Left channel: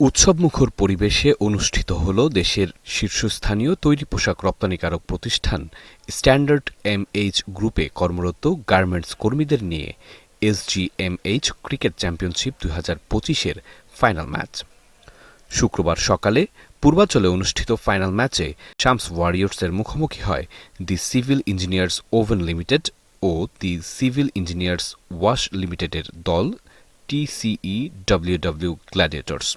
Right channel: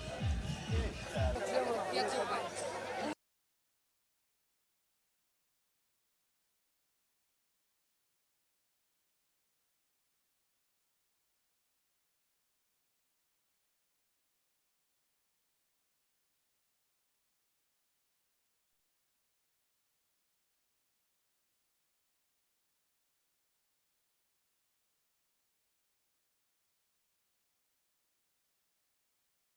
উৎসবমুখর পরিবেশে অনুষ্ঠিত হল দেশের শীর্ষস্থানীয় তৈরি পোশাক রপ্তানিকারক প্রতিষ্ঠান স্ট্যান্ডার্ড এমএইচ গ্রুপে কর্মরত গার্মেন্টস কর্মীদের নিয়ে এসজিএমএইচ ক্রিকেট চ্যাম্পিয়নশিপ ২০২৫-এর ফাইনাল ম্যাচ। শুক্রবার সকালে পূর্বাঞ্চলে অনুষ্ঠিত ফাইনাল ম্যাচে শামস ওয়ারিয়র্সের মুখোমুখি হয় the civil engineers oven limited ও দি সিভিল ইঞ্জিনিয়ার্স ওয়াশ লিমিটেডের দল টিসিইডব্লিউডব্লিউ গ্ল্যাডিয়েটর্স।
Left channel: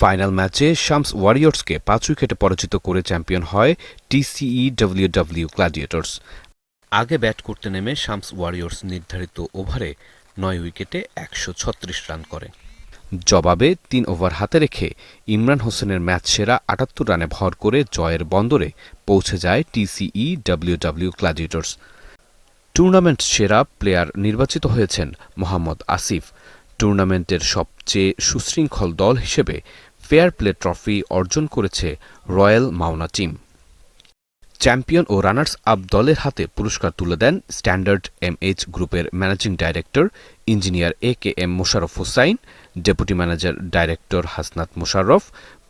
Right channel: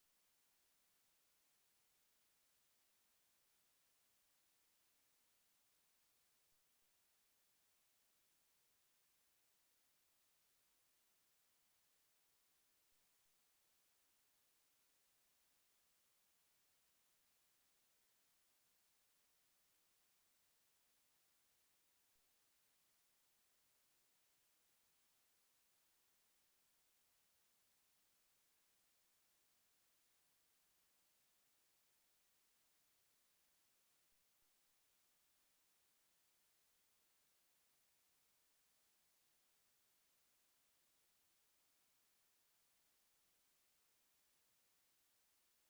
ফাইনাল ম্যাচে শামস ওয়ারিয়র্সকে ৫ উইকেটে পরাজিত করে চ্যাম্পিয়ন হয় টিসিইডব্লিউডব্লিউ গ্ল্যাডিয়েটর্স। আগে ব্যাট করতে নেমে শামস ওয়ারিয়র্স নির্ধারিত ওভারে ৯ উইকেটে ১৩৬ রান করে। জবাবে ৩ ওভার হাতে রেখে ইমরান হোসেনের ম্যাচ সেরা ৭৮ রানে ভর করে জয়ের বন্দরে পৌঁছে যায় টিসিইডব্লিউডব্লিউ গ্ল্যাডিয়েটর্স। টুর্নামেন্ট সেরা প্লেয়ার নির্বাচিত হয়েছেন মোহাম্মদ আসিফ। টুর্নামেন্টের সবচেয়ে সুশৃঙ্খল দল হিসেবে ফেয়ার প্লে ট্রফি অর্জন করেছে রয়্যাল মাওনা টিম। চ্যাম্পিয়ন ও রানার্স আপ দলের হাতে পুরস্কার তুলে দেন স্ট্যান্ডার্ড এমএইচ গ্রুপের managing director engineer A K M. Mosharraf Hossain, deputy manager director Hasnat Mosharraf,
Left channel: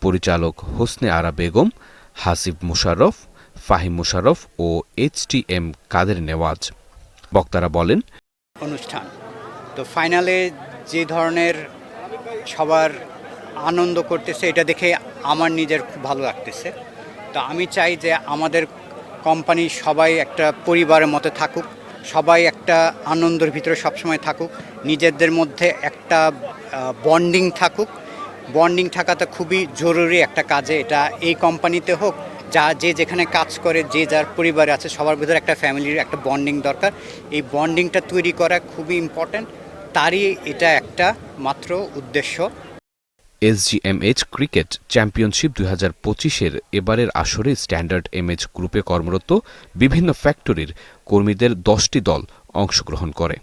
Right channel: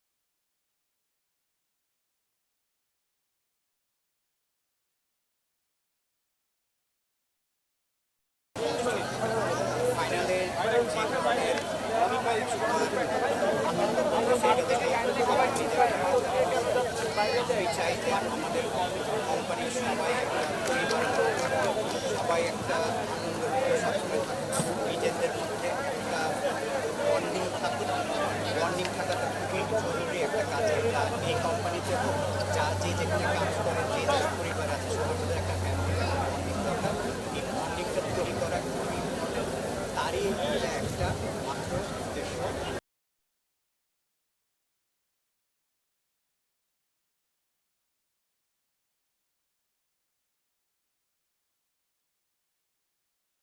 পরিচালক হোসনে আরা বেগম, হাসিব মোশাররফ, ফাহিম মোশাররফ ও এইচ.টি.এম. কাদের নেওয়াজ। বক্তারা বলেন, অনুষ্ঠান তো ফাইনালে যে ধরনের সবার আনন্দ করতেছে এটা দেখে আমার নিজের খুব ভালো লাগতেছে। তো আমি চাই যে আমাদের কোম্পানি সবাই একটা পরিবারের মতো থাকুক, সবাই একটা আনন্দের ভিতরে সবসময় থাকুক, নিজেদের মধ্যে একটা বন্ডিং থাকুক। বন্ডিং থাকাটা খুবই জরুরি একটা কাজে, এটা এই কোম্পানিতে হোক, যে যেখানে কাজ করে, যে যার পরিবারে আছে, সবার ভিতরে একটা ফ্যামিলির একটা বন্ডিং দরকার। এই বন্ডিংটা তৈরি করা খুবই ইম্পর্ট্যান্ট, তারই এটা একটা মাত্র উদ্দেশ্য। এসজিএমএইচ ক্রিকেট চ্যাম্পিয়নশিপ ২০২৫-এর এবারের আসরে স্ট্যান্ডার্ড এমএইচ গ্রুপে কর্মরত বিভিন্ন ফ্যাক্টরির কর্মীদের ১০টি দল অংশগ্রহণ করে।